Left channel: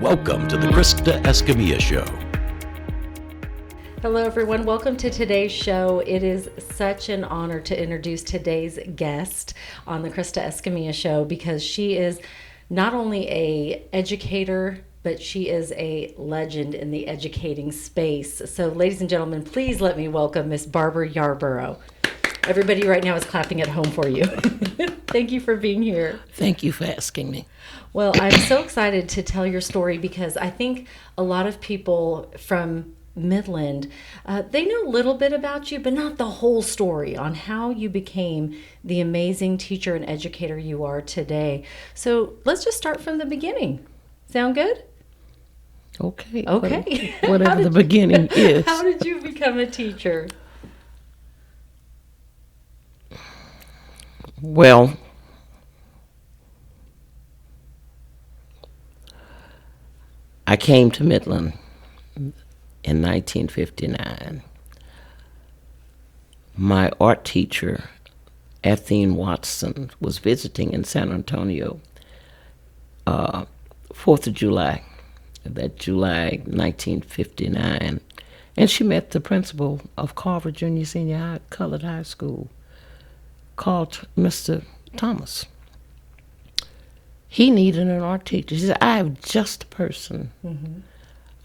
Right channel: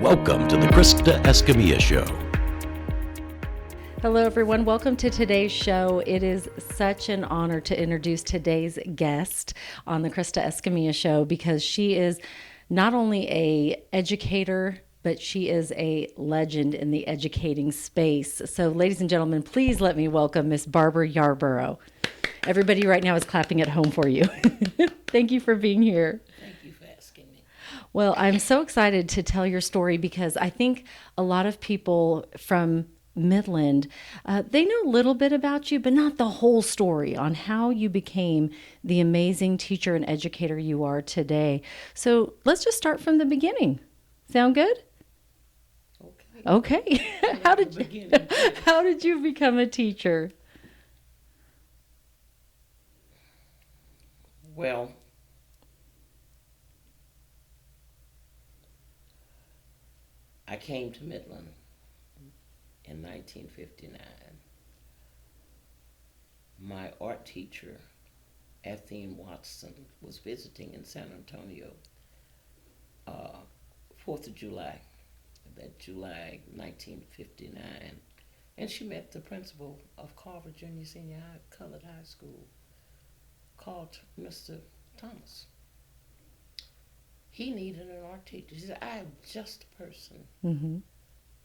Welcome to the Krista Escamilla Show. Hello, everyone. Welcome to today's show. It is such an honor to introduce today's guest on the Krista Escamilla Show because she is not only an educator, but she is a legend in the educating space. So, ladies and gentlemen, please let me welcome Miss Barbara Yarbrough. Everybody right now is clapping at home for you. Thank you for being here. Thank you for asking me. Well, I'm so excited to tell your story because I think a lot of people from Midland, they know a little bit about you, but not the whole story on how you became the amazing teacher and educator you are today. So let's just start from the beginning. Sound good? Okay. Whatever the beginning is. How did you become a teacher? Well, I came to Midland in 1959. My art teacher, Athene Watson, was visiting in San Antonio 4th of July, that July 1959, and she met the principal of Carver Junior Senior High, Colored High School, called Mr. Thomas. He needed an art teacher. She said, I have just a person. Mm-hmm.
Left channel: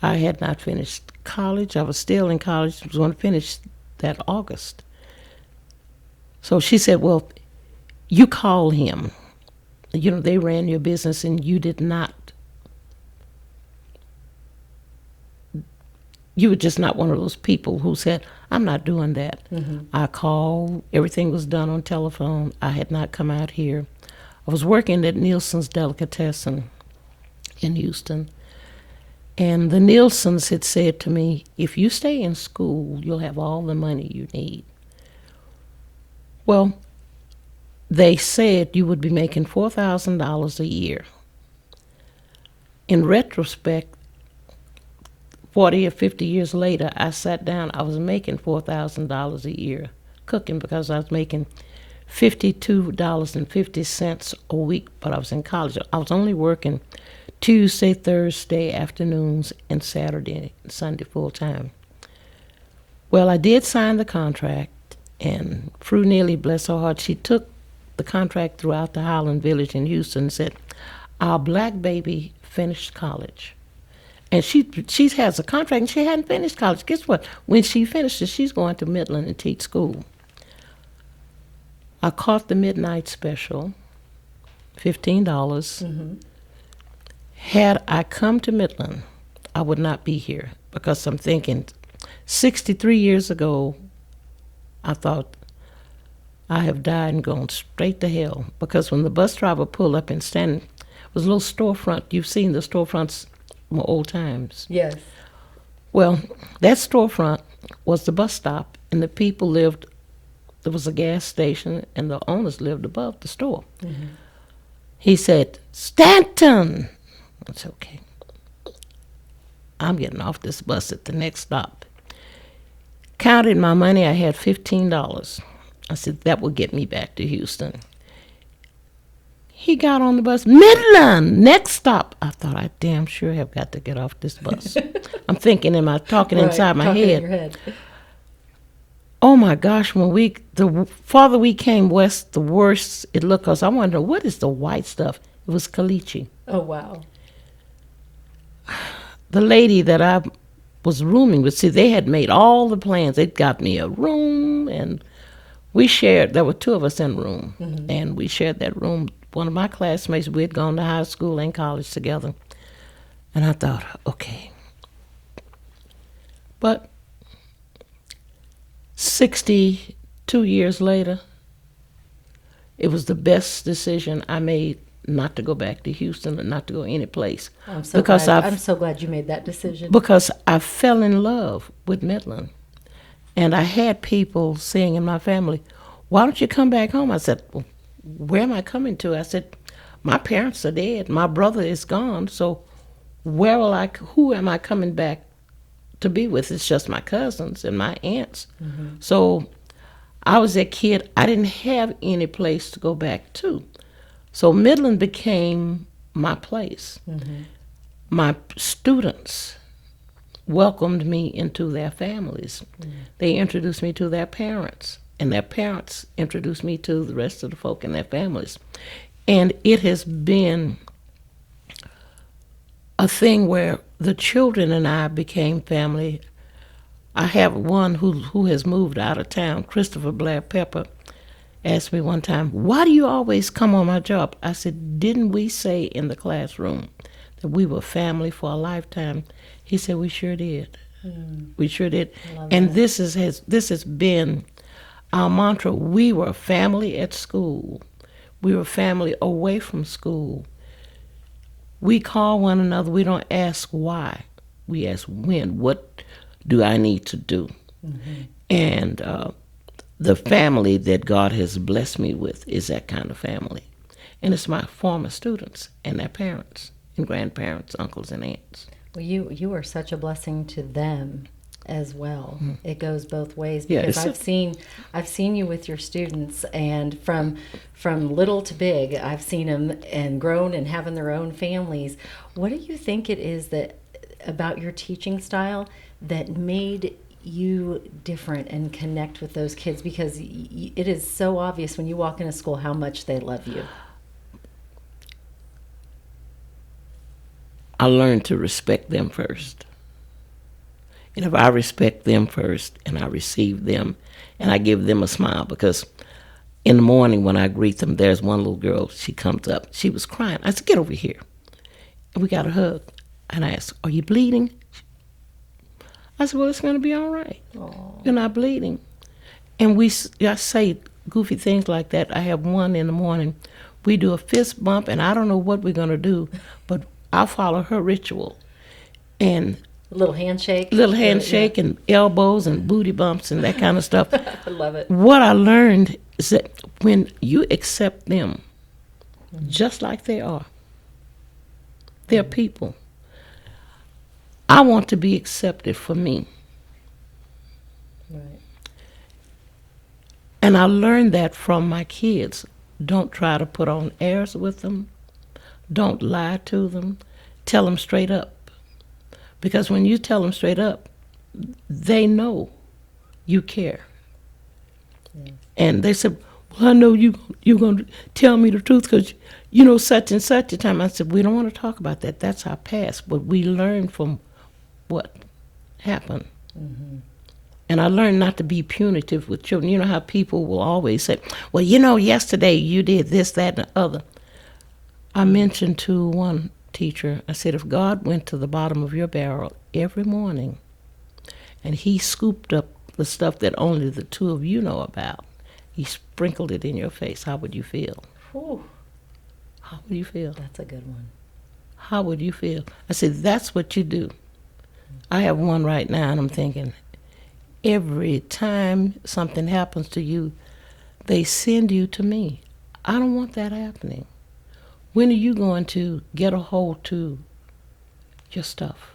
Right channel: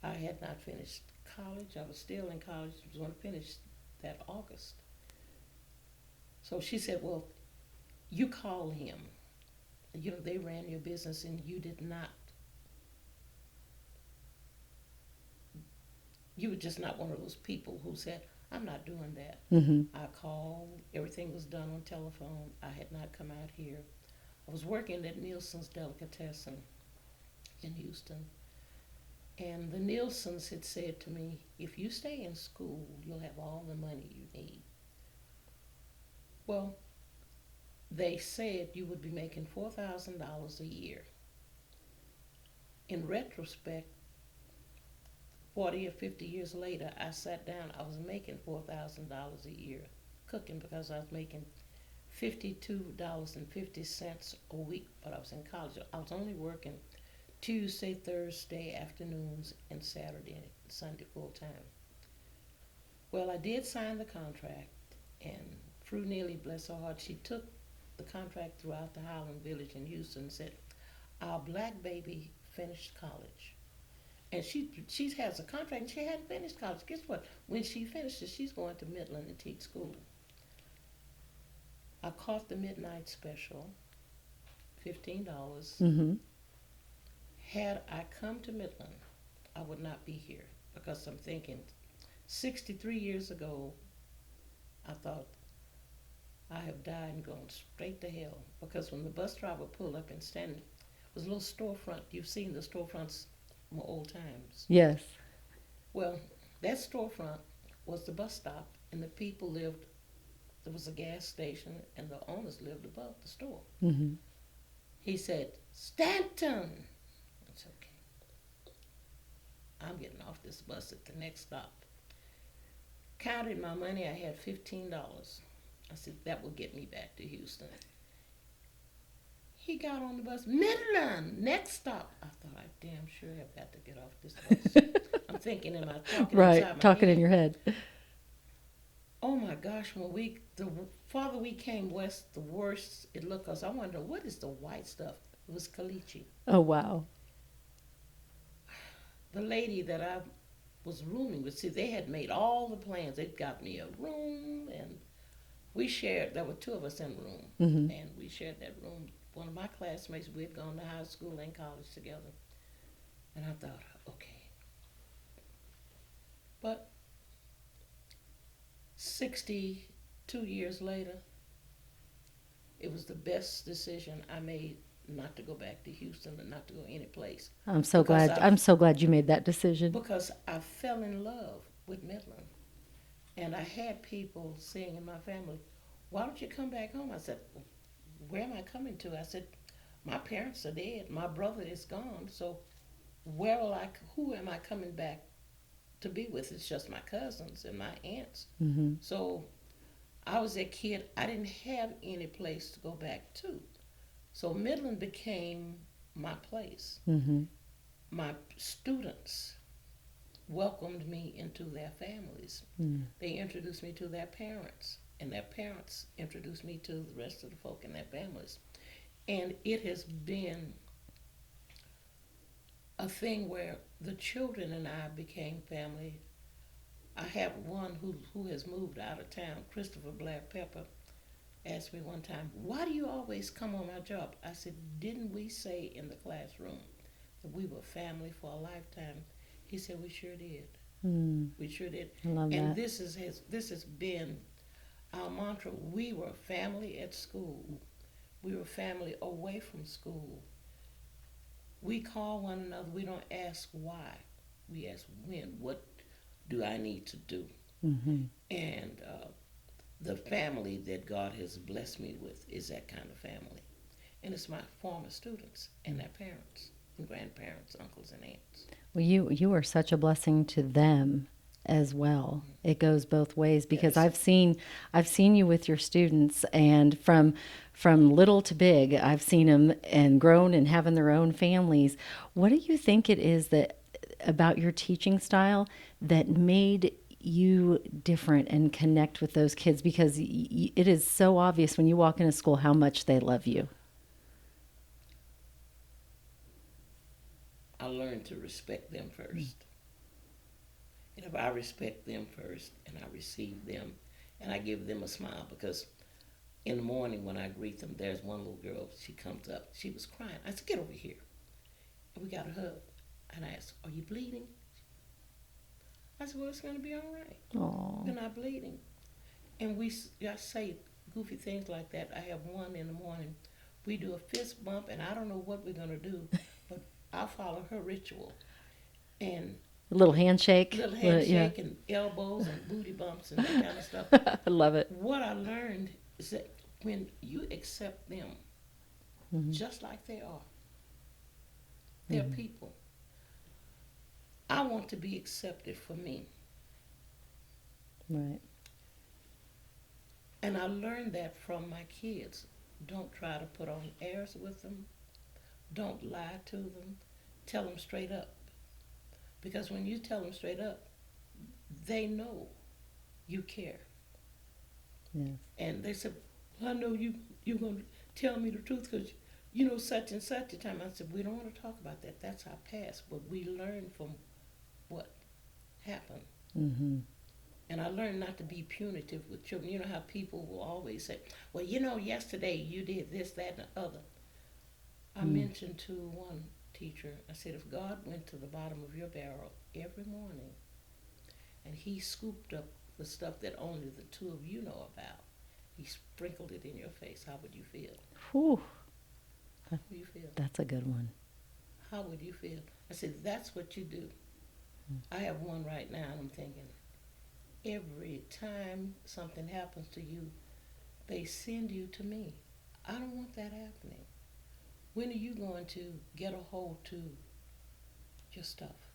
I had not finished college. I was still in college. I was going to finish that August. So she said, well, you call him. You know, they ran your business and you did not. You were just not one of those people who said, I'm not doing that. Mm-hmm. I called. Everything was done on telephone. I had not come out here. I was working at Nielsen's Delicatessen in Houston. And the Nielsens had said to me, if you stay in school, you'll have all the money you need. Well, they said you would be making $4,000 a year. In retrospect, 40 or 50 years later, I sat down, I was making $4,000 a year cooking because I was making $52.50 a week, but I was in college. I was only working Tuesday, Thursday afternoons, and Saturday and Sunday full time. Well, I did sign the contract, and Fru Neely, bless her heart, she took the contract throughout the Highland Village in Houston and said, our black baby finished college. And she has a contract, and she hadn't finished college. Guess what? When she finishes, she's going to Midland and teach school. I caught the midnight special, $15. Mm-hmm. Had I come to Midland, I would not be here because I'm thinking 63 years ago, I thought I have died and gone straight to hell because when the bus driver pulled up and standing, it was a little storefront. You've seen the storefronts from old times. Yes. Well, that storefront was the bus stop, and the people lived, there was a gas station, and the owners lived above the store. Mm-hmm. He said, Stanton! I said, okay. I'm getting off this bus at the next stop. Counted my money, I had $15. I said, that will get me back to Houston. He got on the bus, Midland, next stop. I thought, I damn sure have got to get off this bus. I'm thinking, am I talking inside my talking head? In your head. Oh my gosh, the farther we came west, the worse it looked. Cause I wondered, what is the white stuff? It was caliche. Oh, wow. The lady that I was rooming with, see, they had made all the plans. They'd got me a room, and we shared, there were two of us in a room, mm-hmm. and we shared that room. One of my classmates, we had gone to high school and college together. And I thought, okay. But 62 years later, it was the best decision I made not to go back to Houston or not to go any place. I'm so glad you made that decision. Because I fell in love with Midland. And I had people saying in my family, why don't you come back home? I said, well, where am I coming to? I said, my parents are dead. My brother is gone. So who am I coming back to be with? It's just my cousins and my aunts. Mm-hmm. So I was a kid. I didn't have any place to go back to. So Midland became my place. Mm-hmm. my students welcomed me into their families. They introduced me to their parents, and their parents introduced me to the rest of the folk in their families. And it has been a thing where the children and I became family. I have one who has moved out of town, Christopher Blair Pepper, asked me one time, "Why do you always come on my job?" I said, "Didn't we say in the classroom that we were family for a lifetime?" He said, "We sure did. We sure did." And that. this has been our mantra. We were family at school. We were family away from school. We call one another. We don't ask why. We ask when. What do I need to do? And the family that God has blessed me with is that kind of family. And it's my former students and their parents and grandparents, uncles and aunts. Well, you are such a blessing to them as well. It goes both ways, because Yeah, I've seen you with your students, and from little to big, I've seen them and grown and having their own families. What do you think it is that about your teaching style that made you different and connect with those kids? Because it is so obvious when you walk into school how much they love you. I learned to respect them first. And if I respect them first and I receive them and I give them a smile, because in the morning when I greet them, there's one little girl, she comes up, she was crying. I said, "Get over here." And we got a hug. And I asked, "Are you bleeding?" I said, "Well, it's going to be all right. Aww. You're not bleeding." And I say goofy things like that. I have one in the morning. We do a fist bump, and I don't know what we're going to do, but I'll follow her ritual. And A little handshake. and elbows and booty bumps and that kind of stuff. I love it. What I learned is that when you accept them just like they are, they're people. I want to be accepted for me. Right. And I learned that from my kids. Don't try to put on airs with them. Don't lie to them. Tell them straight up. Because when you tell them straight up, they know you care. Yeah. And they said, "Well, I know you're going to tell me the truth because you know such and such a time." I said, "We don't want to talk about that. That's our past. But we learn from what happened." And I learned not to be punitive with children. You know how people will always say, "Well, you know, yesterday you did this, that, and the other." I mentioned to one teacher, I said, if God went to the bottom of your barrel every morning and he scooped up the stuff that only the two of you know about, he sprinkled it in your face, how would you feel? Whew. How would you feel? That's a good one. How would you feel? I said, that's what you do. I have one right now, and I'm thinking, every time something happens to you, they send you to me. I don't want that happening. When are you going to get a hold to your stuff?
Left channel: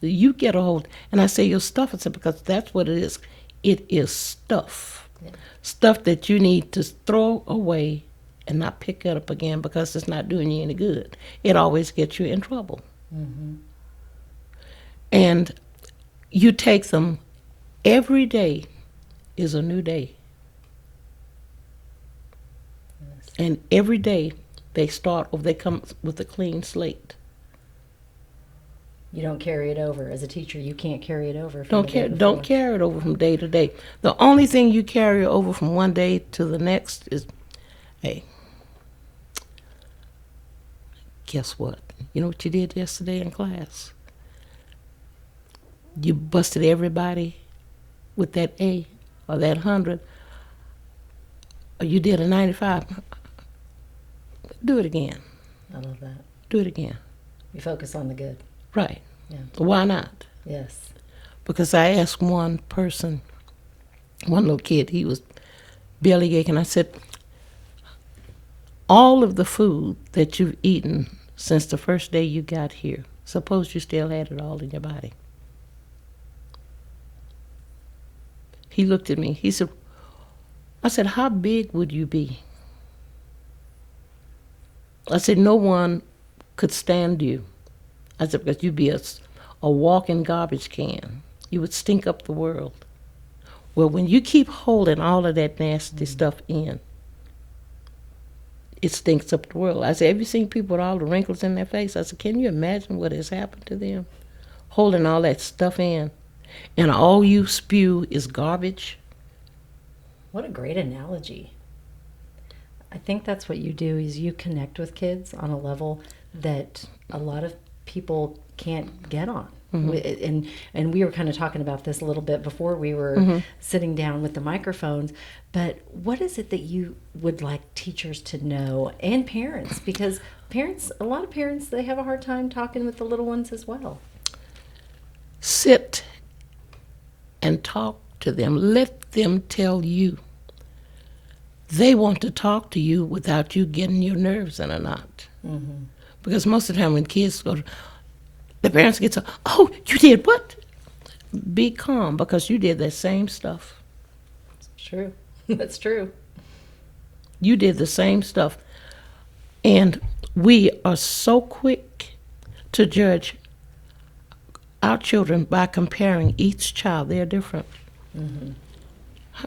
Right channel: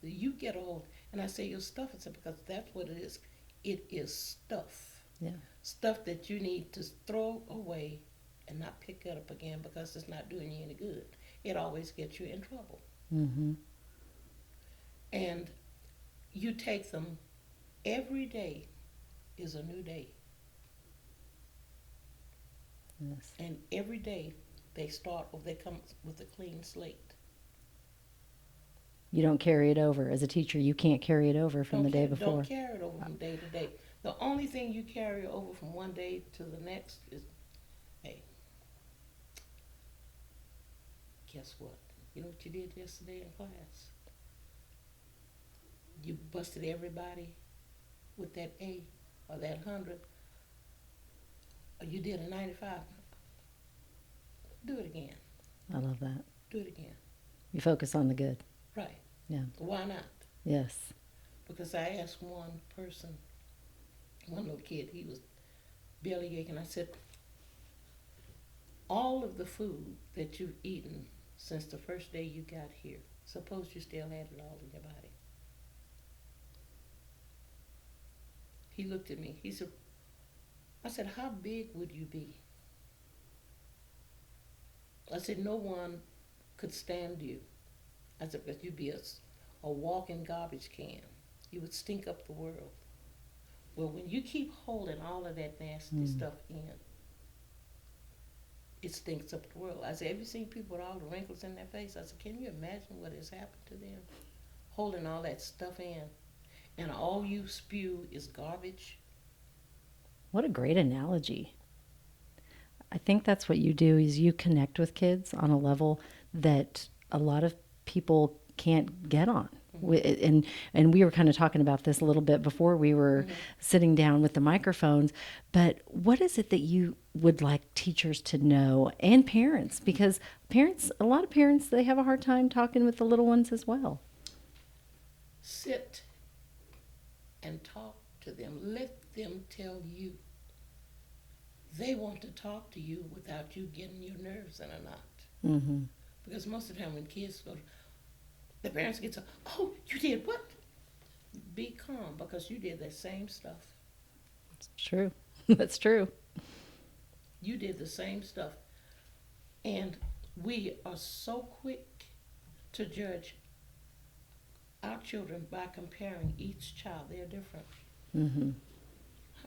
You get a hold, and I say your stuff, I said, because that's what it is. It is stuff. Yeah. Stuff that you need to throw away and not pick it up again because it's not doing you any good. It always gets you in trouble. And you take them, every day is a new day. Yes. And every day they start, or they come with a clean slate. You don't carry it over. As a teacher, you can't carry it over from the day before. Don't carry it over from day to day. The only thing you carry over from one day to the next is, hey, guess what? You know what you did yesterday in class? You busted everybody with that A or that 100, or you did a 95. Do it again. I love that. Do it again. You focus on the good. Right. Yeah. Why not? Yes. Because I asked one person, one little kid, he was belly aching. I said, all of the food that you've eaten since the first day you got here, suppose you still had it all in your body. He looked at me. He said, I said, how big would you be? I said, no one could stand you I said, because you'd be a walking garbage can. You would stink up the world. Well, when you keep holding all of that nasty stuff in, it stinks up the world. I said, have you seen people with all the wrinkles in their face? I said, can you imagine what has happened to them? Holding all that stuff in, and all you spew is garbage. What a great analogy. I think that's what you do, is you connect with kids on a level that a lot of people can't get on. And we were kind of talking about this a little bit before we were sitting down with the microphones, but what is it that you would like teachers to know, and parents? Because a lot of parents, they have a hard time talking with the little ones as well. Sit and talk to them. Let them tell you. They want to talk to you without you getting your nerves in a knot. Because most of the time when kids go to, the parents get so, oh, you did what? Be calm, because you did that same stuff. It's true. That's true. You did the same stuff. And we are so quick to judge our children by comparing each child. They're different.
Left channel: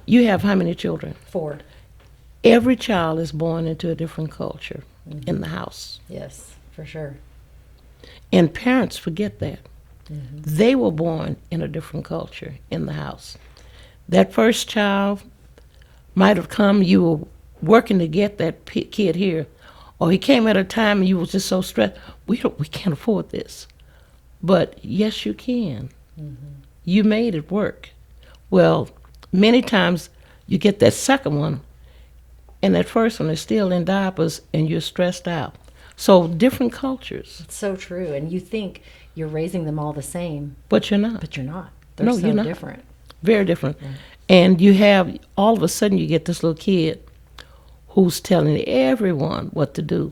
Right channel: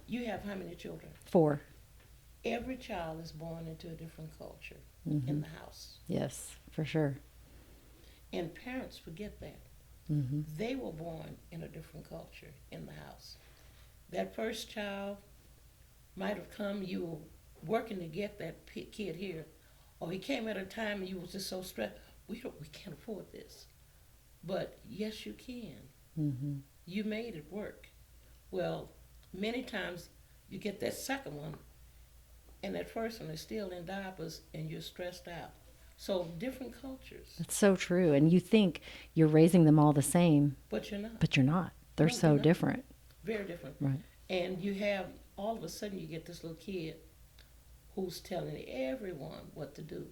You have how many children? 4. Every child is born into a different culture in the house. Yes, for sure. And parents forget that. They were born in a different culture in the house. That first child might have come, you were working to get that kid here, or he came at a time and you were just so stressed, we can't afford this. But yes, you can. You made it work. Well, many times you get that second one, and that first one is still in diapers, and you're stressed out. So different cultures. It's so true. And you think you're raising them all the same. But you're not. But you're not. They're No, so you're not. different. Very different. Right. And you have, all of a sudden you get this little kid who's telling everyone what to do.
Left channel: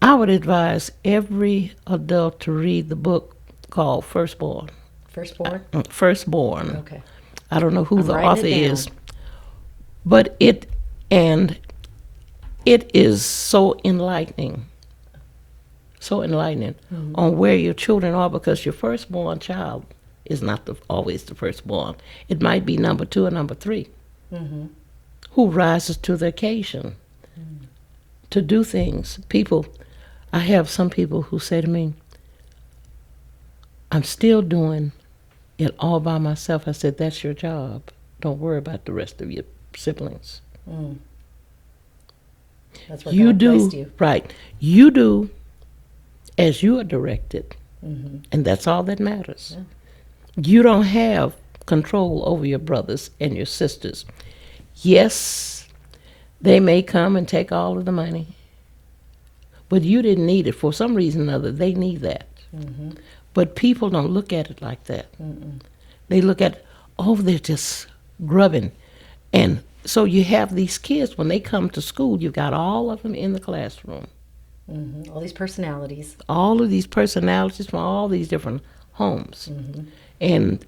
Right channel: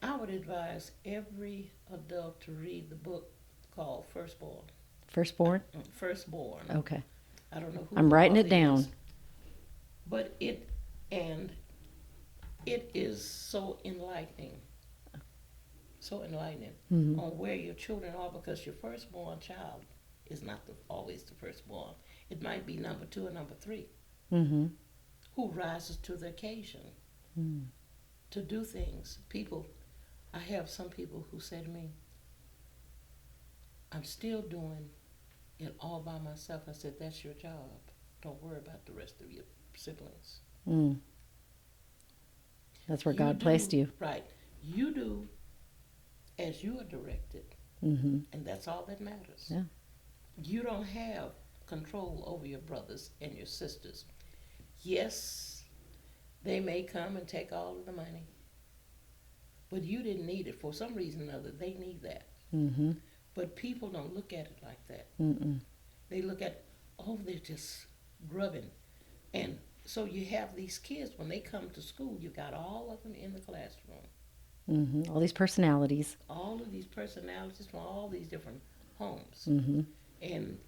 I would advise every adult to read the book called Firstborn. Firstborn? Firstborn. Okay. I don't know who I'm the writing author it down. is. But it is so enlightening. So enlightening on where your children are, because your firstborn child is not always the firstborn. It might be number 2 or number 3 who rises to the occasion to do things. I have some people who say to me, I'm still doing it all by myself. I said, that's your job. Don't worry about the rest of your siblings. That's where God placed you. Right. You do as you are directed. And that's all that matters. Yeah. You don't have control over your brothers and your sisters. Yes, they may come and take all of the money, but you didn't need it. For some reason or other, they need that. But people don't look at it like that. They look at, oh, they're just grubbing. And so you have these kids, when they come to school, you've got all of them in the classroom. All these personalities. All of these personalities from all these different homes. And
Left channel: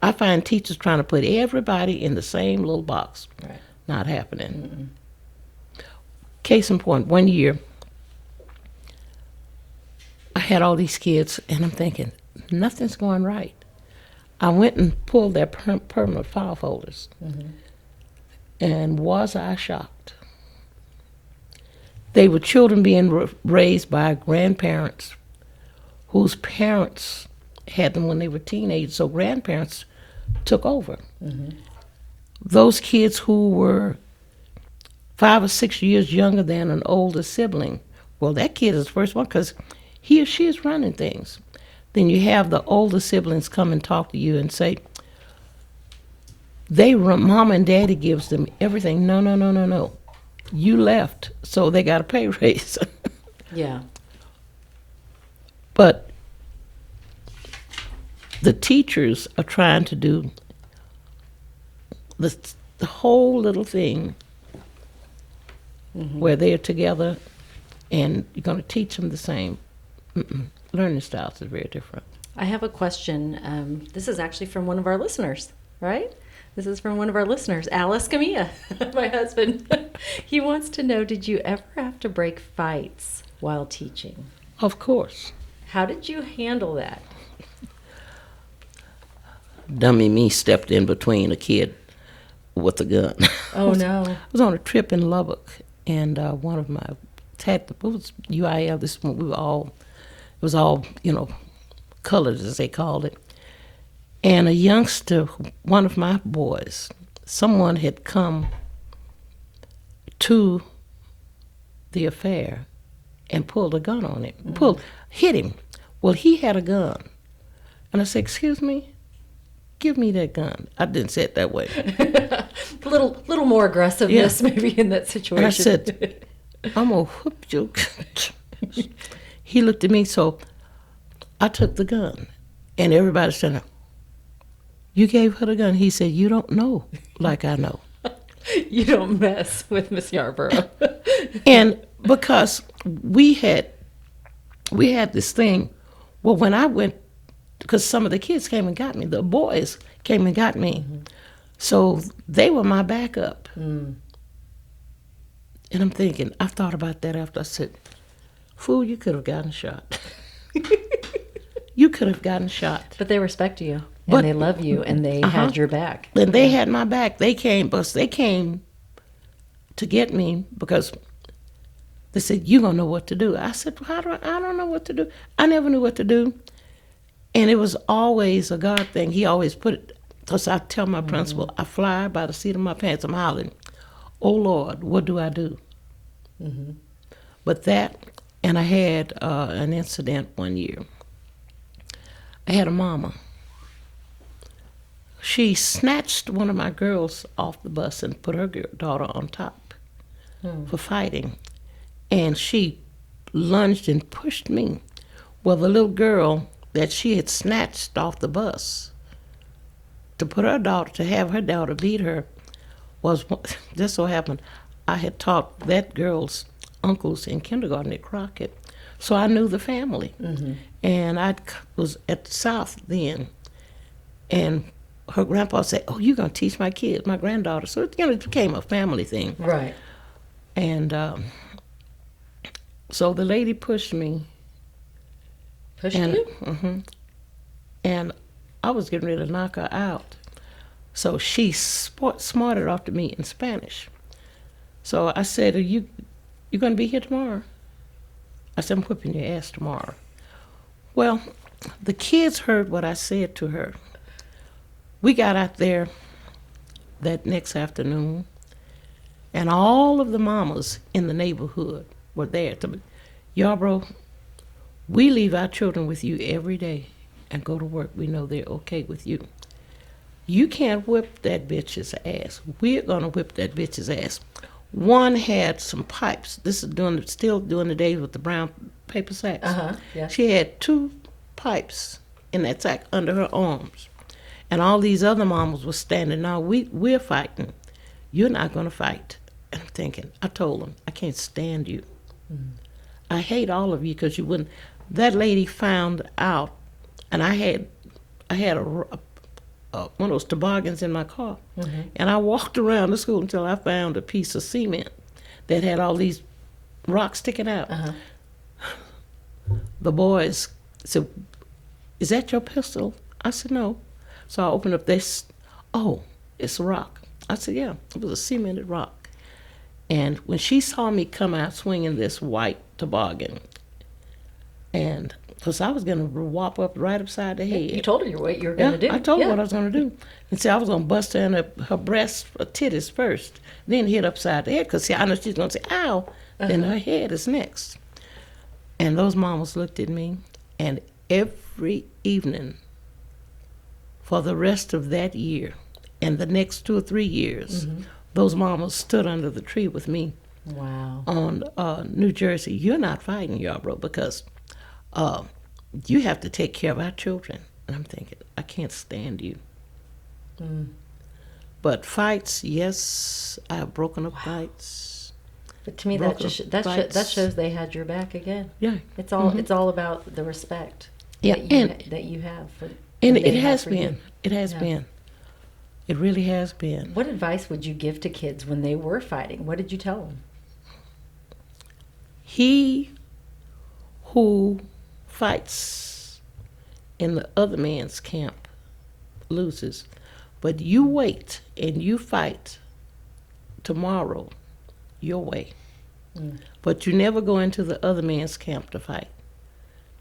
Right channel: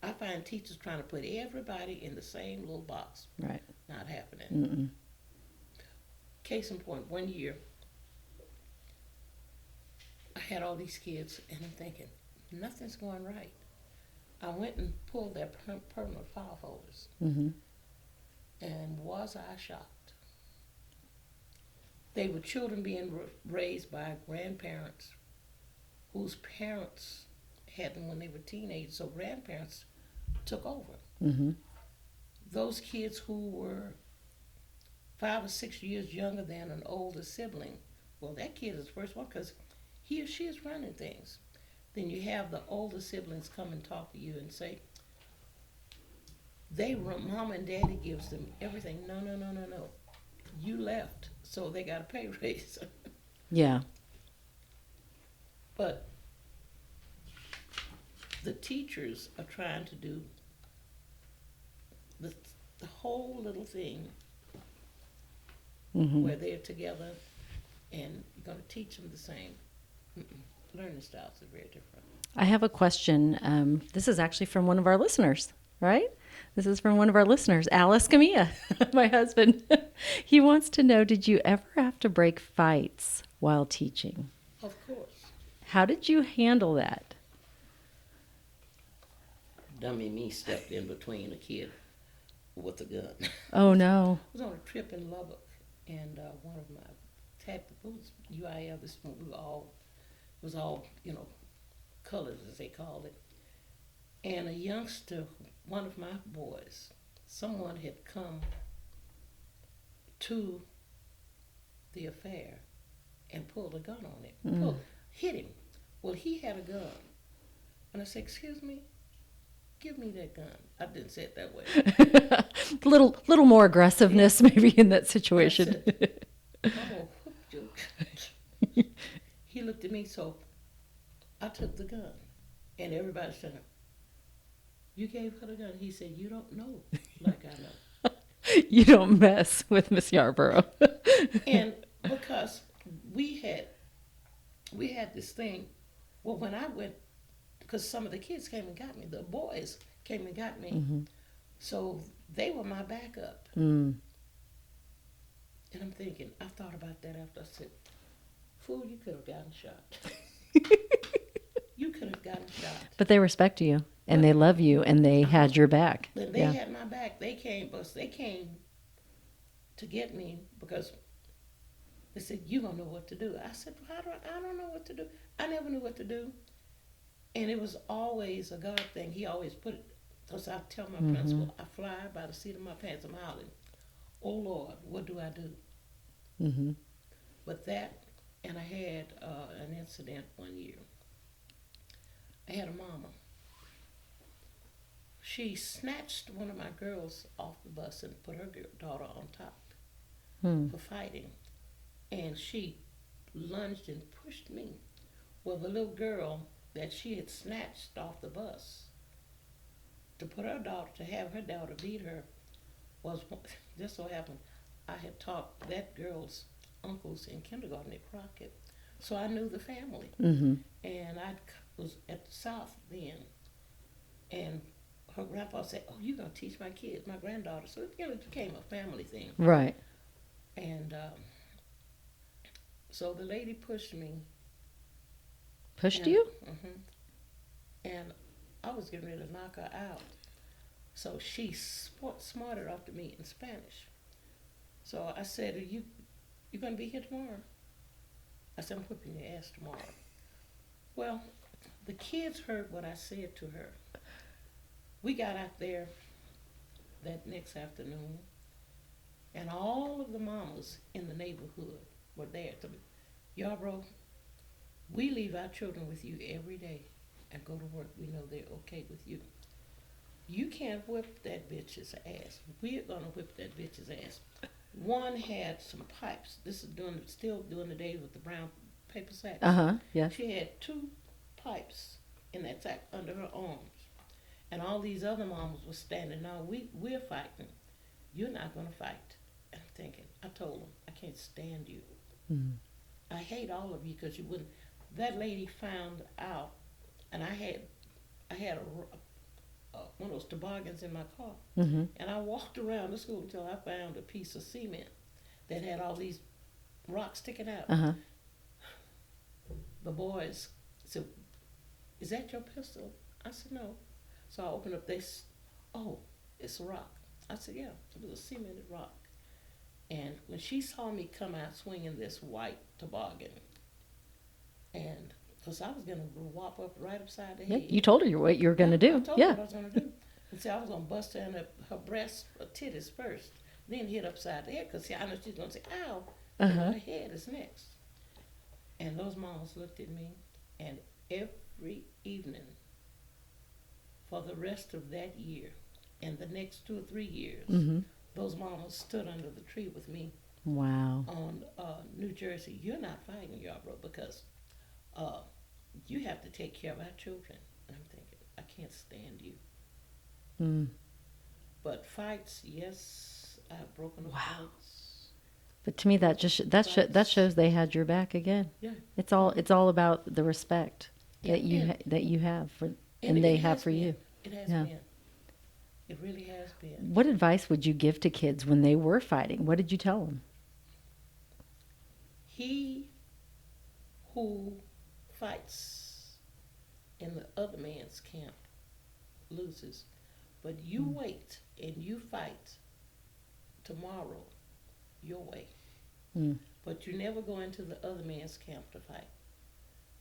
I find teachers trying to put everybody in the same little box. Right. Not happening. Case in point, one year, I had all these kids, and I'm thinking, nothing's going right. I went and pulled their permanent file folders. And was I shocked? They were children being raised by grandparents whose parents had them when they were teenagers, so grandparents took over. Those kids who were 5 or 6 years younger than an older sibling, well, that kid is the first one because he or she is running things. Then you have the older siblings come and talk to you and say, mom and daddy gives them everything. No. You left, so they got a pay raise. Yeah. But the teachers are trying to do the whole little thing where they're together and you're going to teach them the same. Learning styles is very different. I have a question. This is actually from one of our listeners, right? This is from one of our listeners, Al Escamilla, my husband. He wants to know, did you ever have to break fights while teaching? Of course. How did you handle that? Dummy me stepped in between a kid with a gun. Oh, no. I was on a trip in Lubbock, and one of my it was UIL. This one, it was all colored as they called it. And a youngster, one of my boys, someone had come to the affair and pulled a gun on him. Hit him. Well, he had a gun, and I said, "Excuse me, give me that gun." I didn't say it that way. A little more aggressiveness maybe in that situation. And I said, "I'm gonna whoop you." He looked at me, so I took the gun, and everybody said, "You gave her the gun?" He said, "You don't know like I know." You don't mess with Miss Yarbrough. And because we had this thing, well, when I went, because some of the kids came and got me, the boys came and got me, so they were my backup. And I'm thinking, I thought about that after. I said, "Fool, you could have gotten shot." You could have gotten shot. But they respect you, and they love you, and they had your back. And they had my back. They came to get me because they said, "You're going to know what to do." I said, I don't know what to do. I never knew what to do. And it was always a God thing. He always put it, because I tell my principal, I fly by the seat of my pants. I'm hollering, "Oh, Lord, what do I do?" But that, and I had an incident one year. I had a mama. She snatched one of my girls off the bus and put her daughter on top for fighting. And she lunged and pushed me. Well, the little girl that she had snatched off the bus to have her daughter beat her was, just so happened, I had taught that girl's uncles in kindergarten at Crockett. So I knew the family. And I was at the South then. And her grandpa said, "Oh, you're going to teach my kids, my granddaughter." So it became a family thing. Right. And so the lady pushed me. Pushed you? And I was getting ready to knock her out. So she smarted off to me in Spanish. So I said, you going to be here tomorrow?" I said, "I'm whipping your ass tomorrow." Well, the kids heard what I said to her. We got out there that next afternoon, and all of the mamas in the neighborhood were there. "Yarbrough, we leave our children with you every day and go to work. We know they're okay with you. You can't whip that bitch's ass. We're going to whip that bitch's ass." One had some pipes. This is still during the days with the brown paper sacks. Yeah. She had 2 pipes in that sack under her arms. And all these other mamas were standing. "Now, we're fighting. You're not going to fight." And I'm thinking, I told them, "I can't stand you. I hate all of you because you wouldn't." That lady found out, and I had one of those toboggans in my car. And I walked around the school until I found a piece of cement that had all these rocks sticking out. The boys said, "Is that your pistol?" I said, "No." So I opened up this. "Oh, it's a rock." I said, "Yeah, it was a cemented rock." And when she saw me come out swinging this white toboggan, and because I was going to whop up right upside the head. You told her what you were going to do. I told her what I was going to do. And see, I was going to bust her in her breast, her titties first, then hit upside the head, because I know she's going to say, "Ow," then her head is next. And those mamas looked at me, and every evening for the rest of that year and the next 2 or 3 years, those mamas stood under the tree with me. Wow. On New Jersey. "You're not fighting, Yarbrough, because you have to take care of our children." And I'm thinking, I can't stand you. But fights, yes, I have broken up fights. But to me, that shows they had your back again. Yeah. It's all about the respect that you have for. And it has been. It has been. It really has been. What advice would you give to kids when they were fighting? What did you tell them? He who fights in the other man's camp loses. But you wait and you fight tomorrow your way. But you never go into the other man's camp to fight.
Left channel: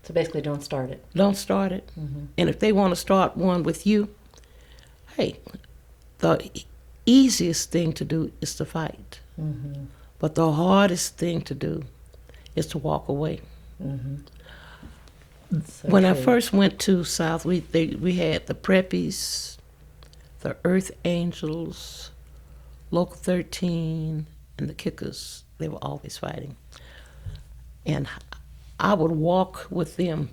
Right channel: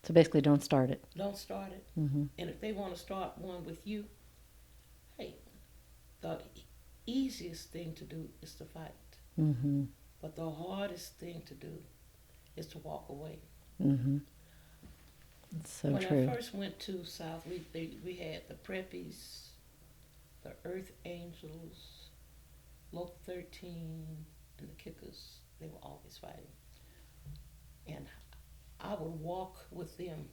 So basically, don't start it. Don't start it. And if they want to start one with you, hey, the easiest thing to do is to fight. But the hardest thing to do is to walk away. So when I true. first went to South, we had the Preppies, the Earth Angels, Local 13, and the Kickers. They were always fighting. And I would walk with them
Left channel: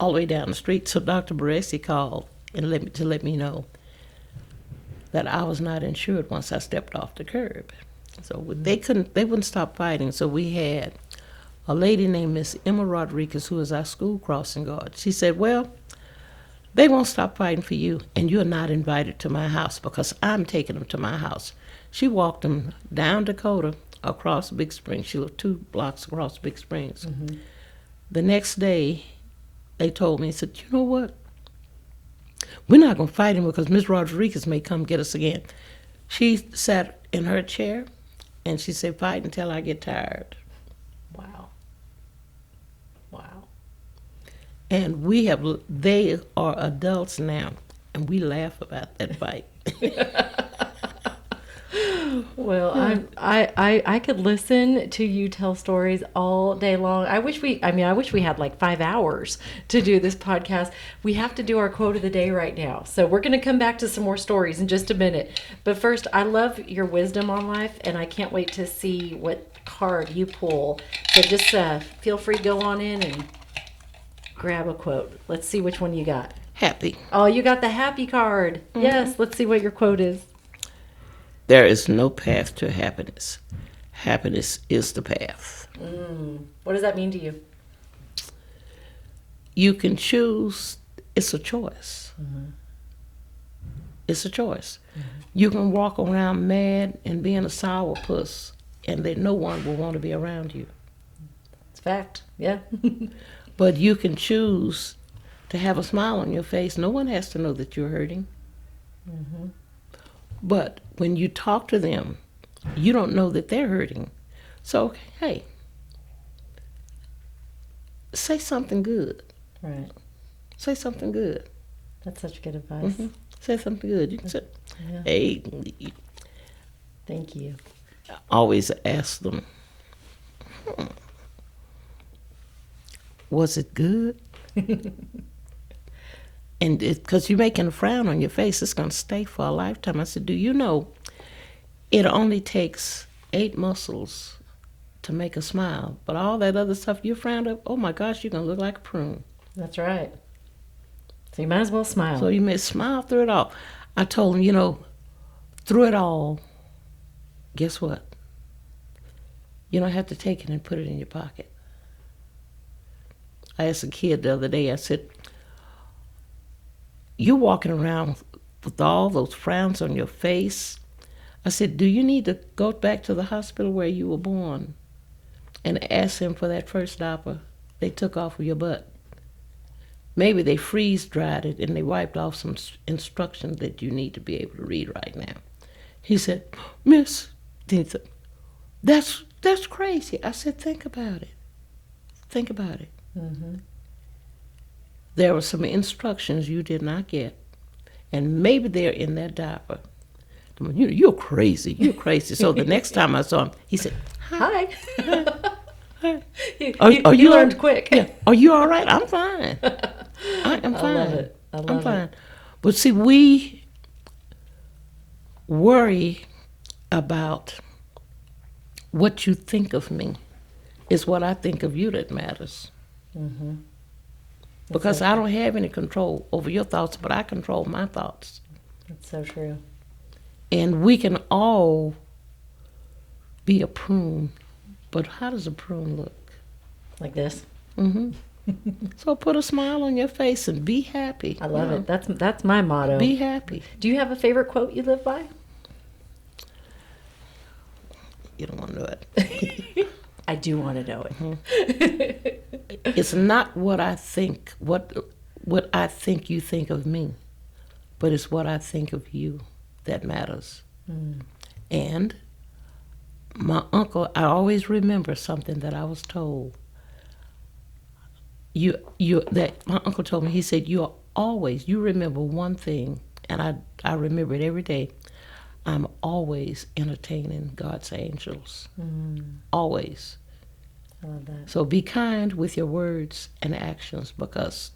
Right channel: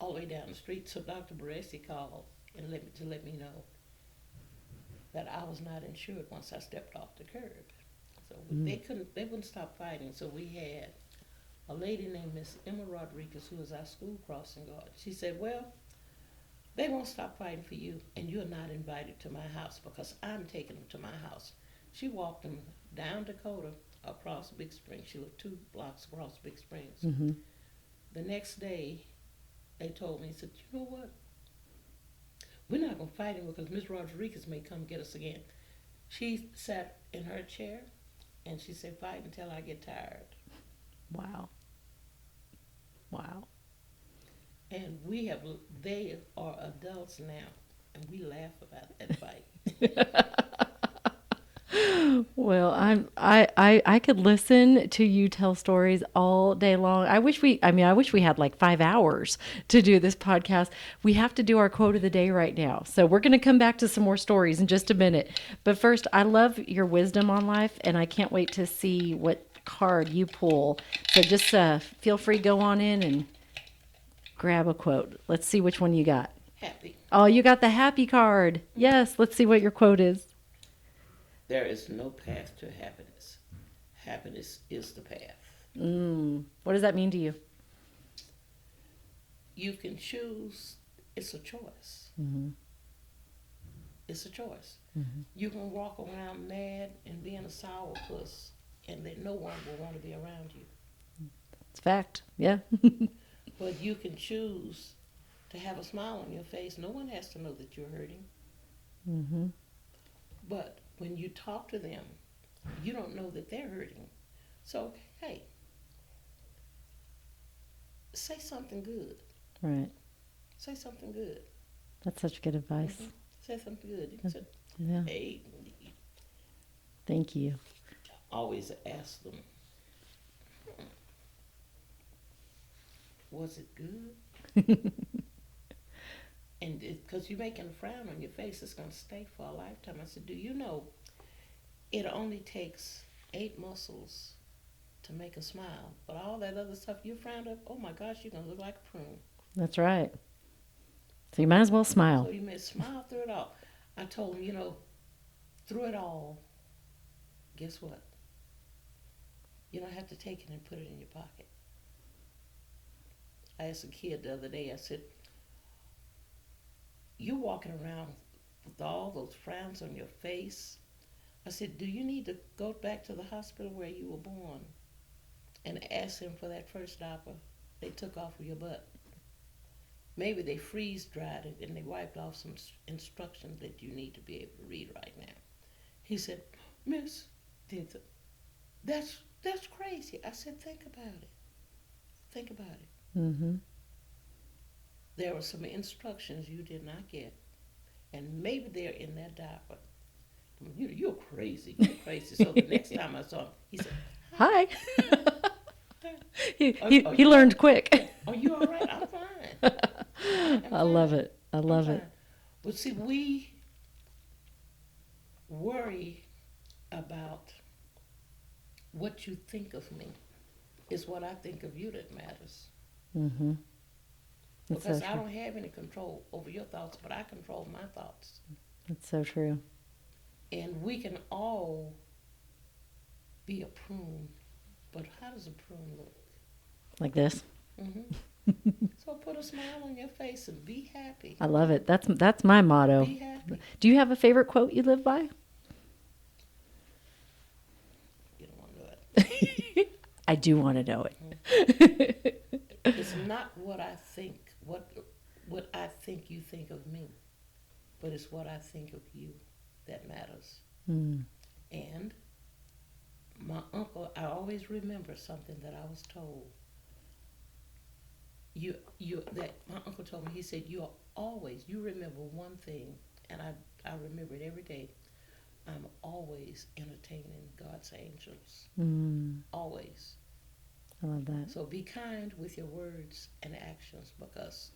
all the way down the street. So Dr. Baresi called and let me know that I was not insured once I stepped off the curb. So they wouldn't stop fighting. So we had a lady named Miss Emma Rodriguez, who was our school crossing guard. She said, well, they won't stop fighting for you, and you're not invited to my house because I'm taking them to my house. She walked them down Dakota, across Big Springs. She lived 2 blocks across Big Springs. The next day, they told me, said, you know what? We're not going to fight him because Miss Rodriguez may come get us again. She sat in her chair, and she said, fight until I get tired. Wow. And they are adults now, and we laugh about that fight. Well, I could listen to you tell stories all day long. I wish we had like 5 hours to do this podcast. We have to do our quote of the day right now. So we're going to come back to some more stories in just a minute. But first, I love your wisdom on life, and I can't wait to see what card you pull. So just feel free to go on in and grab a quote. Let's see which one you got. Happy. Oh, you got the happy card. Yes, let's see what your quote is. There is no path to happiness. Happiness is the path. What does that mean to you? You can choose. It's a choice. It's a choice. You can walk around mad and being a sourpuss, and that no one will want to be around you. It's fact. Yeah. But you can choose to have a smile on your face. No one has to know that you're hurting. But when you talk to them, you don't know that they're hurting. So, hey, say something good. Right. Say something good. That's such good advice. Say something good. You can say, Yeah. hey, Thank you. always ask them, was it good? And because you're making a frown on your face, it's going to stay for a lifetime. I said, do you know it only takes 8 muscles to make a smile, but all that other stuff you frowned up, oh my gosh, you're going to look like a prune. That's right. So you might as well smile. So you may smile through it all. I told him, through it all, guess what? You don't have to take it and put it in your pocket. I asked a kid the other day, I said, you're walking around with all those frowns on your face. I said, do you need to go back to the hospital where you were born and ask them for that first diaper they took off of your butt? Maybe they freeze-dried it and they wiped off some instructions that you need to be able to read right now. He said, Miss, he said, that's crazy. I said, think about it. Think about it. There were some instructions you did not get, and maybe they're in that diaper. You're crazy. You're crazy. So the next time I saw him, he said, Hi. Hi. You learned quick. Yeah. Are you all right? I'm fine. I'm fine. I love it. I love it. But see, we worry about what you think of me. Is what I think of you that matters. Because I don't have any control over your thoughts, but I control my thoughts. That's so true. And we can all be a prune, but how does a prune look? Like this. So put a smile on your face and be happy. I love it. That's my motto. Be happy. Do you have a favorite quote you live by? You don't want to know it. I do want to know it. It's not what I think, what I think you think of me, but it's what I think of you that matters. And my uncle, I always remember something that I was told. That my uncle told me. He said, you remember one thing, and I remember it every day. I'm always entertaining God's angels. Always. I love that. So be kind with your words and actions, because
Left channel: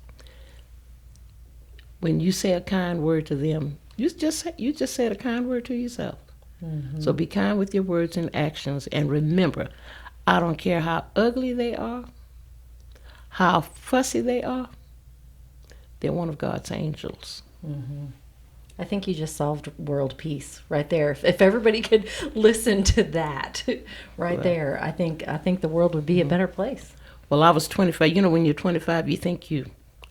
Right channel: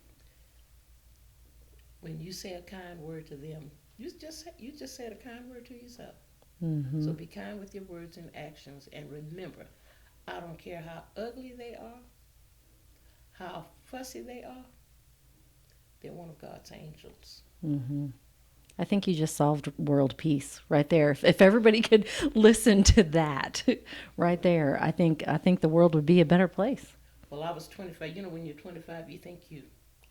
when you say a kind word to them, you just said a kind word to yourself. So be kind with your words and actions, and remember, I don't care how ugly they are, how fussy they are, they're one of God's angels. I think you just solved world peace right there. If everybody could listen to that there, I think the world would be a better place. Well, I was 25. You know, when you're 25, you think you,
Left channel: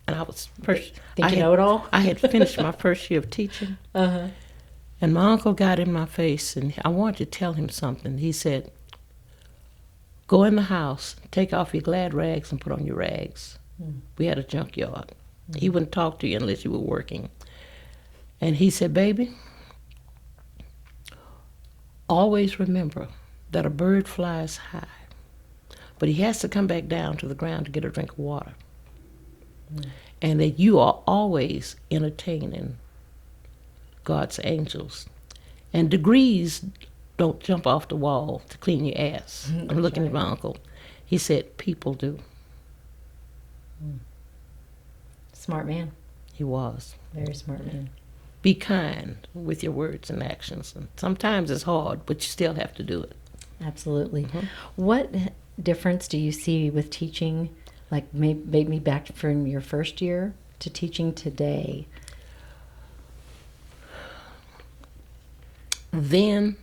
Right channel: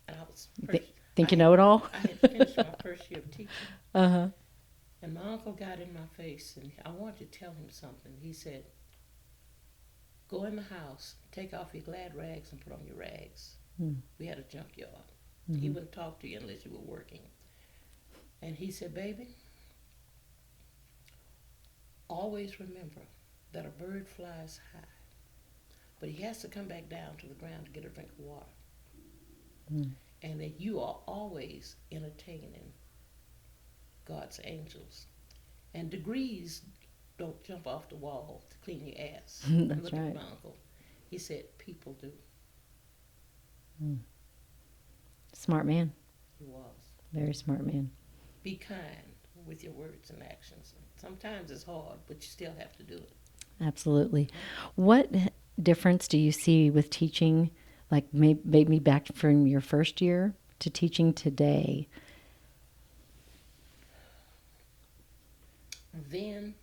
and I was first. Think you know it all? I had finished my first year of teaching. And my uncle got in my face, and I wanted to tell him something. He said, go in the house, take off your glad rags and put on your rags. We had a junkyard. He wouldn't talk to you unless you were working. And he said, baby, always remember that a bird flies high, but he has to come back down to the ground to get a drink of water. And that you are always entertaining God's angels. And degrees don't jump off the wall to clean your ass. I'm looking at my uncle. He said, people do. Smart man. He was. Very smart man. Be kind with your words and actions. And sometimes it's hard, but you still have to do it. Absolutely. What difference do you see with teaching, like maybe back from your first year to teaching today? Then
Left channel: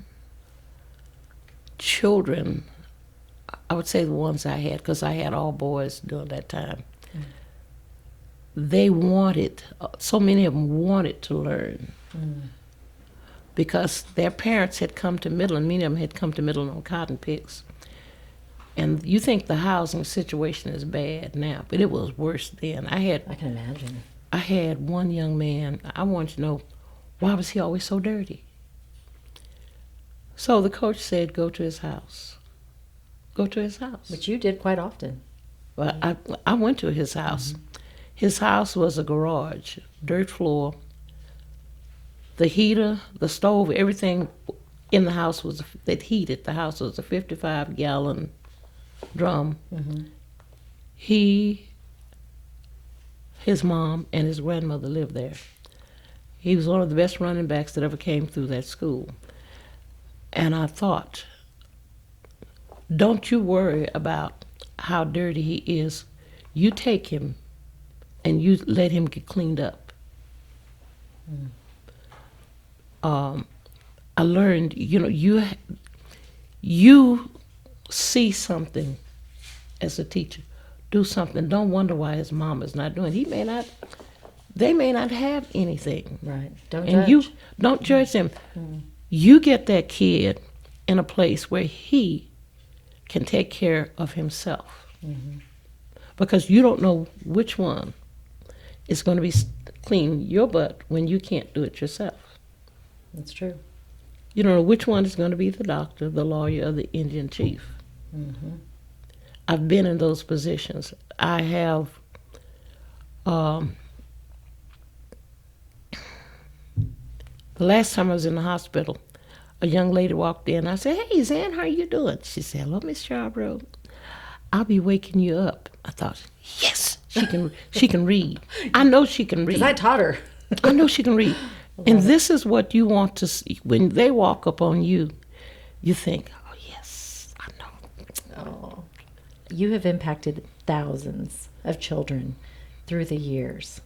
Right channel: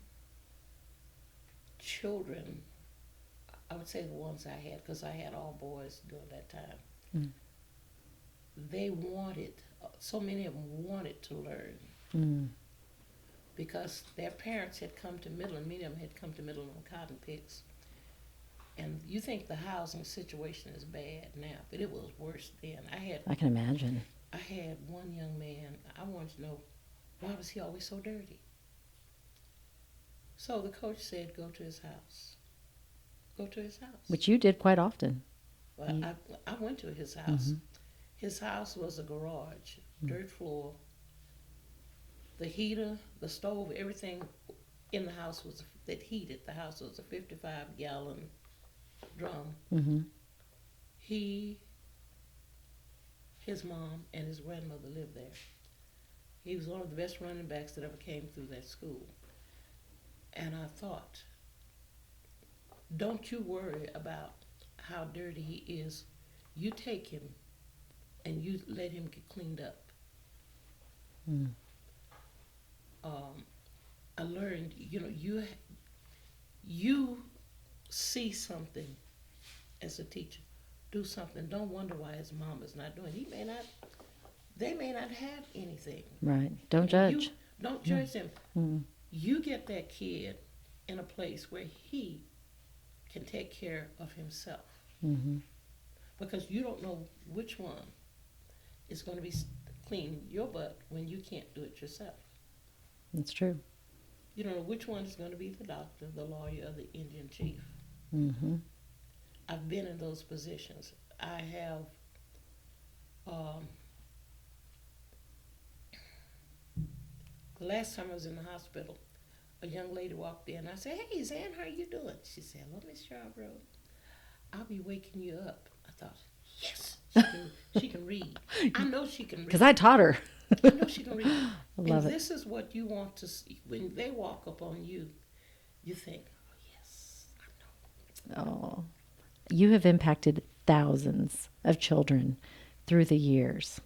children, I would say the ones I had, because I had all boys during that time, they wanted, so many of them wanted to learn, because their parents had come to Midland. Many of them had come to Midland on cotton picks. And you think the housing situation is bad now, but it was worse then. I can imagine. I had one young man, I wanted to know, why was he always so dirty? So the coach said, go to his house. Go to his house. Which you did quite often. Well, I went to his house. His house was a garage, dirt floor. The heater, the stove, everything in the house that heated the house was a 55-gallon drum. His mom, and his grandmother lived there. He was one of the best running backs that ever came through that school. And I thought, don't you worry about how dirty he is. You take him and you let him get cleaned up. I learned, you see something as a teacher, do something. Don't wonder why his mom is not doing it. They may not have anything. Right. Don't and judge. Don't judge them. You get that kid in a place where he can take care of himself. Because you don't know which one is going to be clean your butt when you can't do it yourself. That's true. You don't know which one is going to be the doctor, the lawyer, or the Indian chief. I've been in those positions. I have the last time I was in the hospital, a young lady walked in. I said, hey, Zan, how are you doing? She said, hello, Miss Yarbrough. I'll be waking you up. I thought, yes, she can read. I know she can read. Because I taught her. I know she can read. And this is what you want to see. When they walk up on you, you think, oh, yes, I know. Oh, you have impacted thousands of children through the years.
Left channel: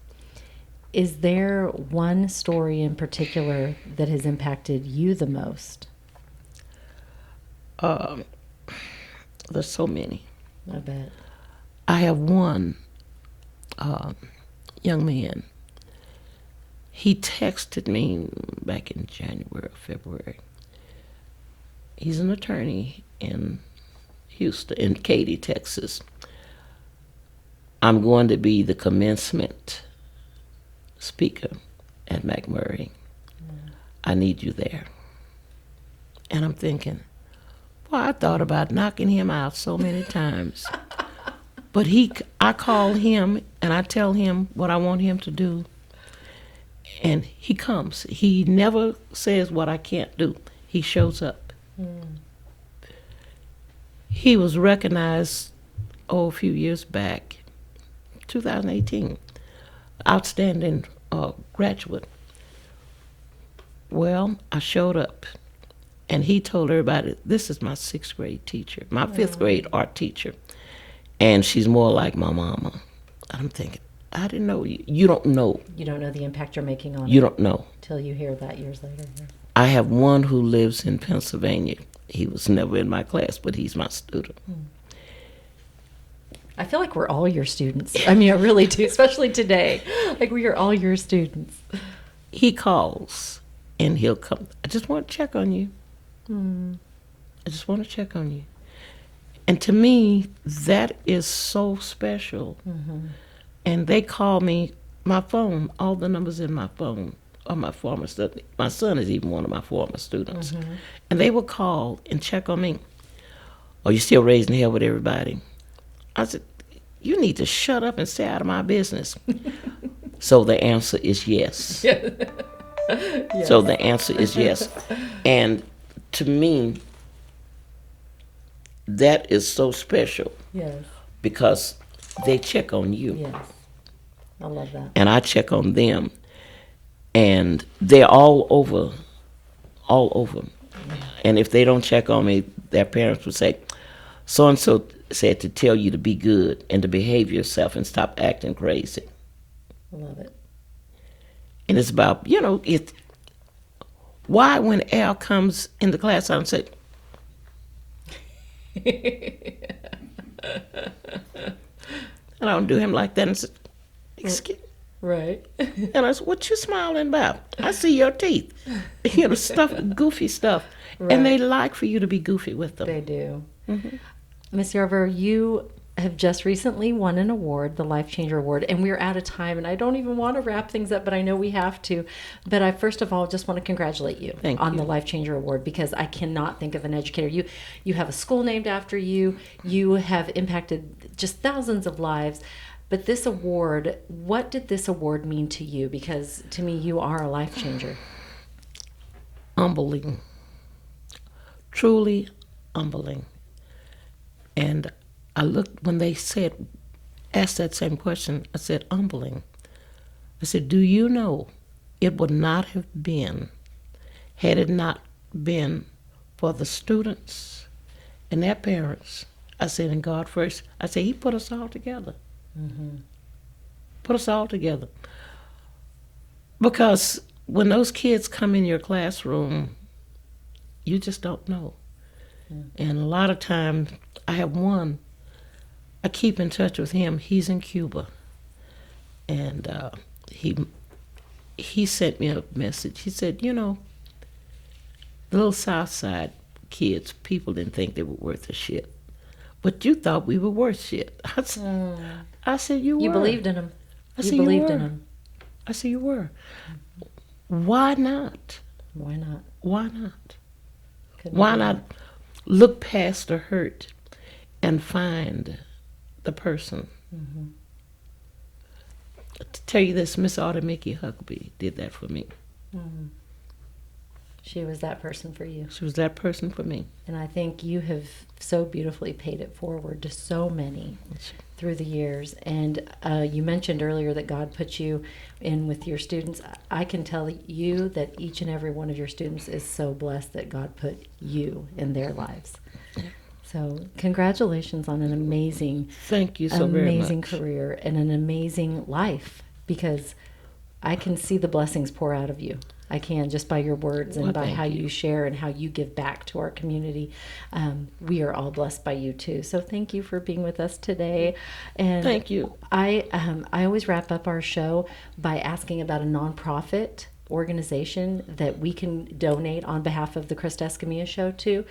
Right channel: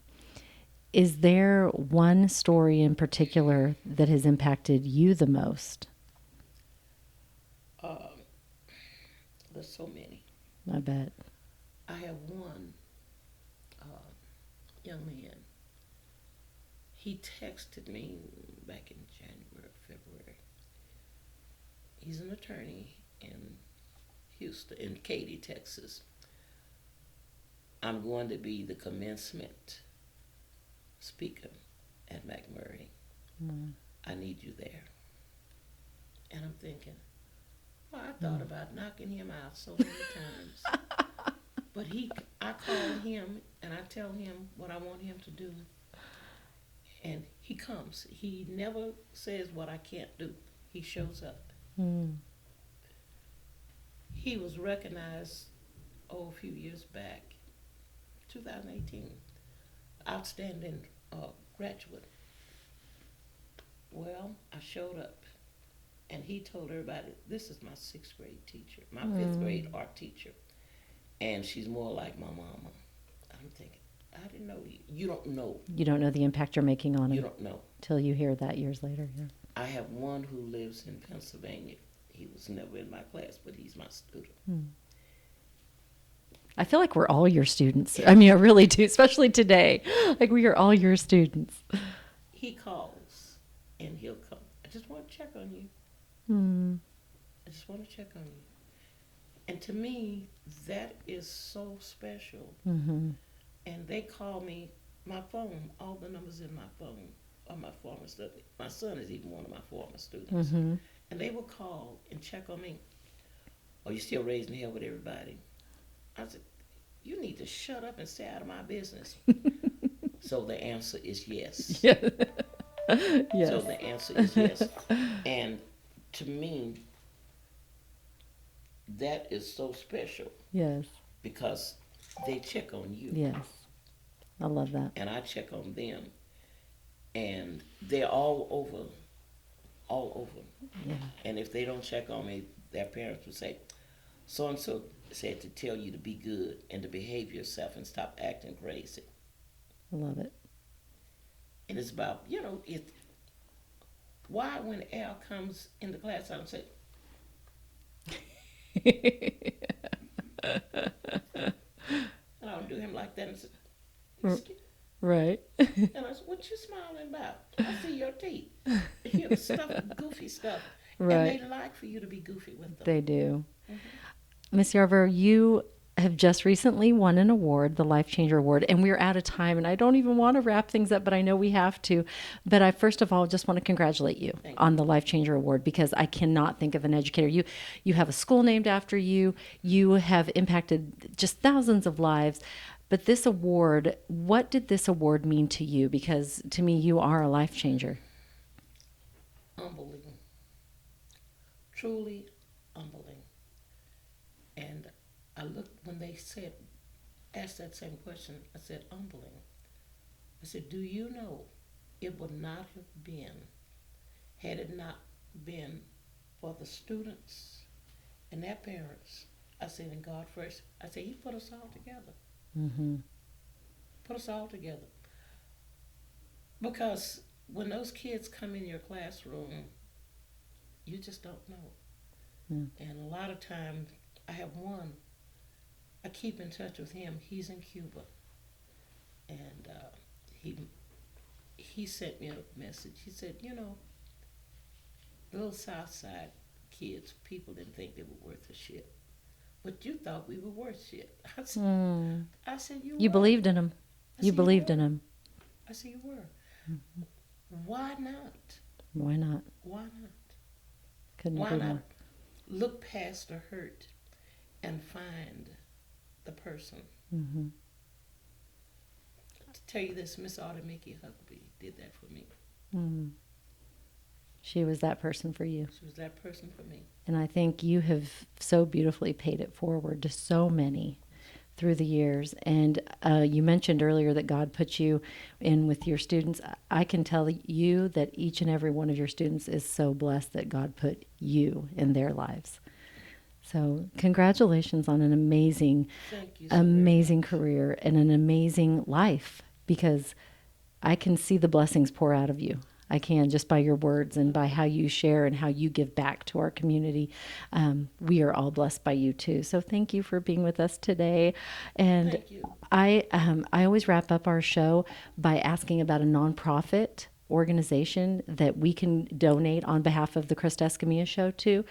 Is there one story in particular that has impacted you the most? There's so many. I bet. I have one young man. He texted me back in January or February. He's an attorney in Houston, in Katy, Texas. I'm going to be the commencement speaker at McMurray. I need you there. And I'm thinking, well, I thought about knocking him out so many times. But I call him and I tell him what I want him to do. And he comes. He never says what I can't do. He shows up. He was recognized, a few years back, 2018, outstanding graduate. Well, I showed up, and he told everybody, this is my 6th grade teacher, my 5th grade art teacher, and she's more like my mama. I'm thinking, I didn't know. You don't know. You don't know the impact you're making on it. You don't know. Till you hear that years later. Yeah. I have one who lives in Pennsylvania. He was never in my class, but he's my student. I feel like we're all your students. I mean, I really do, especially today. Like, we are all your students. He calls, and he'll come. I just want to check on you. I just want to check on you. And to me, that is so special. And they call me, my phone, all the numbers in my phone are my former students. My son is even one of my former students. And they will call and check on me. Are you still raising hell with everybody? I said, you need to shut up and stay out of my business. So the answer is yes. Yes. So the answer is yes. And to me, that is so special. Yes. Because they check on you. Yes. I love that. And I check on them. And they're all over. Yeah. And if they don't check on me, their parents would say, so-and-so said to tell you to be good and to behave yourself and stop acting crazy. I love it. And it's about, why when Al comes in the class, I don't say, and I don't do him like that and say, excuse me. Right. And I said, what you smiling about? I see your teeth. Stuff, goofy stuff. Right. And they like for you to be goofy with them. They do. Miss Yarbrough, you have just recently won an award, the LifeChanger Award, and we're out of time, and I don't even want to wrap things up, but I know we have to. But I first of all just want to congratulate you on the LifeChanger Award, because I cannot think of an educator. You have a school named after you. You have impacted just thousands of lives. But this award, what did this award mean to you? Because to me, you are a life changer. Humbling. Truly humbling. And I looked, when they asked that same question, I said, humbling. I said, do you know it would not have been, had it not been for the students and their parents. I said, and God first, I said, he put us all together. Put us all together. Because when those kids come in your classroom, you just don't know. And a lot of times, I have one, I keep in touch with him. He's in Cuba. And he sent me a message. He said, the little South Side kids, people didn't think they were worth a shit. But you thought we were worth shit. I said, you were. You believed in him. You believed in him. I said, you were. Why not? Why not? Why not? Couldn't Why not look past the hurt and find the person? To tell you this, Miss Autumn Mickey Huckabee did that for me. She was that person for you. She was that person for me. And I think you have so beautifully paid it forward to so many through the years. And you mentioned earlier that God put you in with your students. I can tell you that each and every one of your students is so blessed that God put you in their lives. So congratulations on an amazing, thank you so amazing very much. Career and an amazing life, because I can see the blessings pour out of you. I can, just by your words and by how you share and how you give back to our community. We are all blessed by you too. So thank you for being with us today. And thank you. I always wrap up our show by asking about a nonprofit organization that we can donate on behalf of the Krista Escamilla Show to.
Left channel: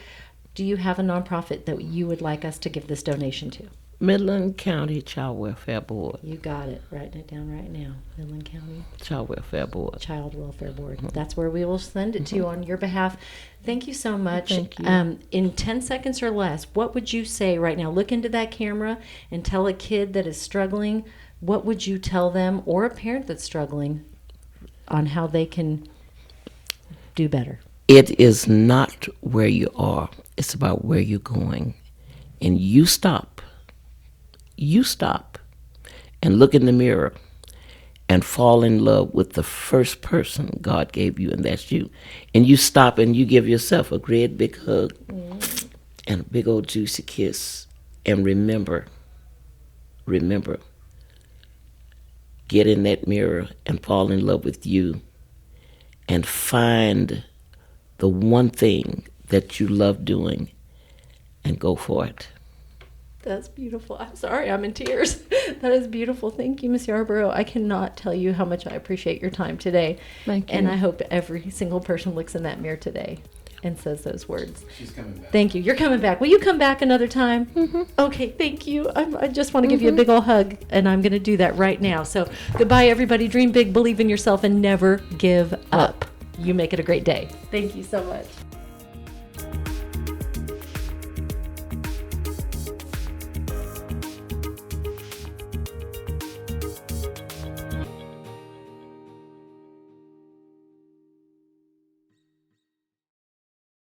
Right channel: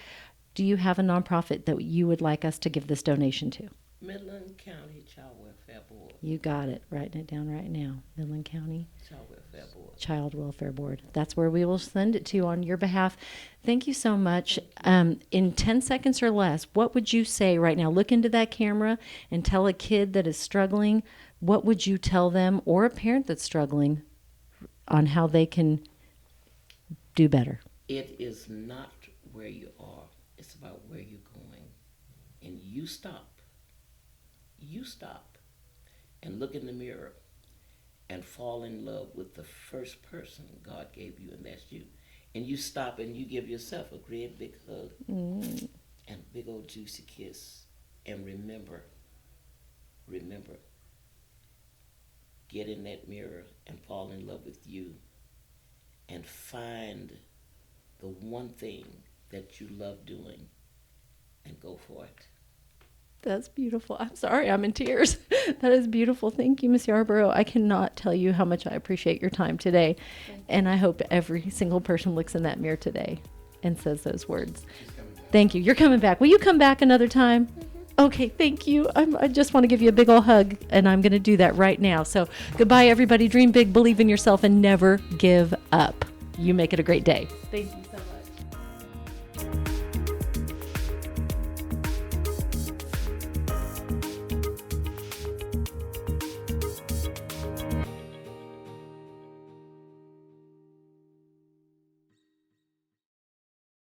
Do you have a nonprofit that you would like us to give this donation to? Midland County Child Welfare Board. You got it. Writing it down right now. Midland County Child Welfare Board. Child Welfare Board. That's where we will send it to on your behalf. Thank you so much. Thank you. In 10 seconds or less, what would you say right now? Look into that camera and tell a kid that is struggling, what would you tell them, or a parent that's struggling, on how they can do better? It is not where you are. It's about where you're going. And you stop. You stop and look in the mirror and fall in love with the first person God gave you, and that's you. And you stop and you give yourself a great big hug and a big old juicy kiss. And remember, get in that mirror and fall in love with you and find the one thing that you love doing and go for it. That's beautiful. I'm sorry, I'm in tears. That is beautiful. Thank you, Miss Yarbrough. I cannot tell you how much I appreciate your time today. Thank you. And I hope every single person looks in that mirror today and says those words. She's coming back. Thank you. You're coming back. Will you come back another time? Mm-hmm. Okay, thank you. I just want to give you a big old hug, and I'm going to do that right now. So goodbye, everybody. Dream big, believe in yourself, and never give up. You make it a great day. Thank you so much.